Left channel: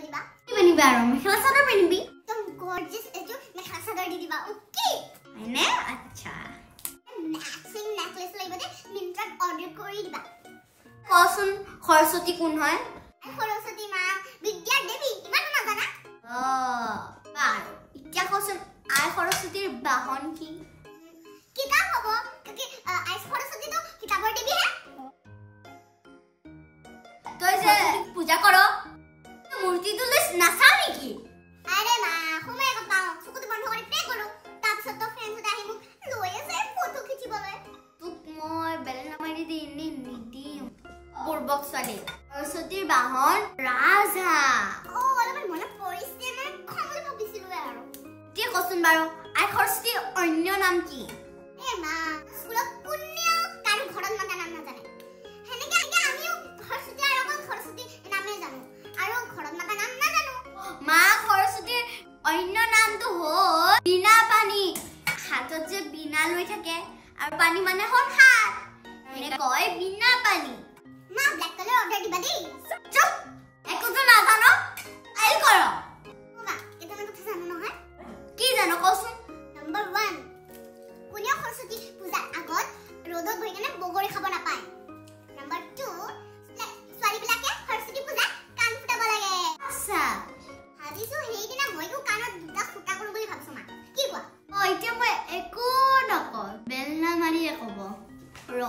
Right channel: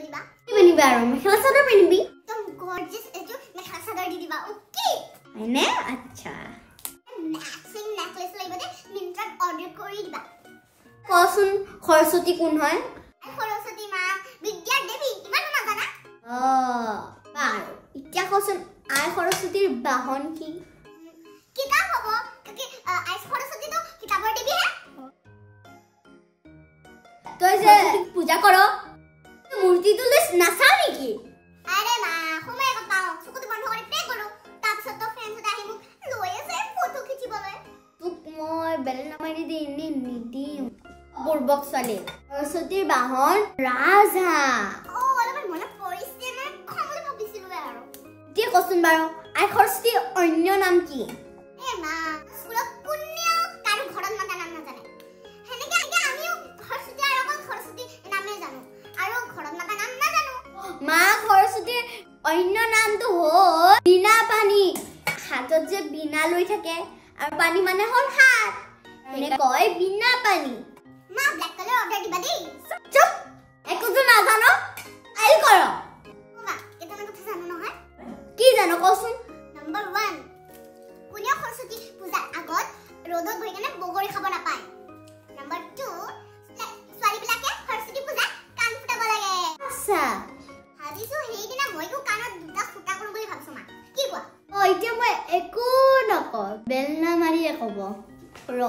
লৈ দিবা কি পিন্ধিবা আৰু মেখেলা চাদৰ পিন্ধিবি একদম গৰ্জিয়াছ এটো মেখেলা চাদৰ দি দিবা ওকে হয়নে আচ্ছা ম্যাচিং নেকলেস লাগিব দে মিন্ত্ৰাত অৰ্ডাৰ কৰি দিবা কচোন সৰস্বতী কোন হয় সৰস্বতী মা বিদ্যা দেৱী ইমান নাজানা বাৰু এতিয়া কচোন আই সৰস্বতীৰ বাহন কি কিতাপ হ'ব কি আই সৰস্বতী তো কিতাপৰ দেৱী হে তই যে পূজা কৰ মূৰ্তিটো লৈ নাচাও নেকি আৰে মা সময় কথা চকুটো বন্ধ কৰি প্ৰে কৰো তাৰপিছত তো ফ্ৰেণ্ডছ আহি মোক লৈ আছে ফটো খিচিবলৈ তোক মই বেলেগ নামাৰি দি নিদিম বুৰ্বক ছোৱালী সৰস্বতীৰ বাহন ৰাজহাঁহ অলপমান মনত পৰিছে মই খমলৈ ভাবিছিলো আৰু এতিয়া কচোন বাৰু আই সৰস্বতীৰ অন্য নাম কি মা স্কুলত কোনেও কাৰো ঘৰত মাতা নাম নাজানে হেনেকে আমিও সৰস্বতী আৰু অকল সৰস্বতী নামে জানো আৰু ঘৰত মাতা নাম নাজানো মা সৰস্বতীৰ অন্য নামটো হ'ল বিনা পানী হাতত যে বিনা লৈ থাকে আৰু পানী মানে হ'ল হাত এনে কয় বিনা পানী মা ব্ল্যাক কালার অর্ডার দিবা দেই চুপ একোটো নাজানো আইল কৰ মা এটা কথা জানো নহয় কি জানো কচোন নাম্বাৰ 1 কোনেও সৰস্বতী পূজাৰ আগত ৰ'দত বহি কেনে বগৰী খাব নাপায় নাম্বাৰ 2 ছোৱালীবিলাকে সৰস্বতী পূজাত কাণ ফুটাব লাগে আচ্ছা ভাবিছো সেইদিনা মইও কাণত দুটা ফুটা কৰোঁ বুলি ভাবিছো মা কি কোৱা এতিয়া মই একো নকওঁ বেলনা মাৰিয়ে ক'ব ৰ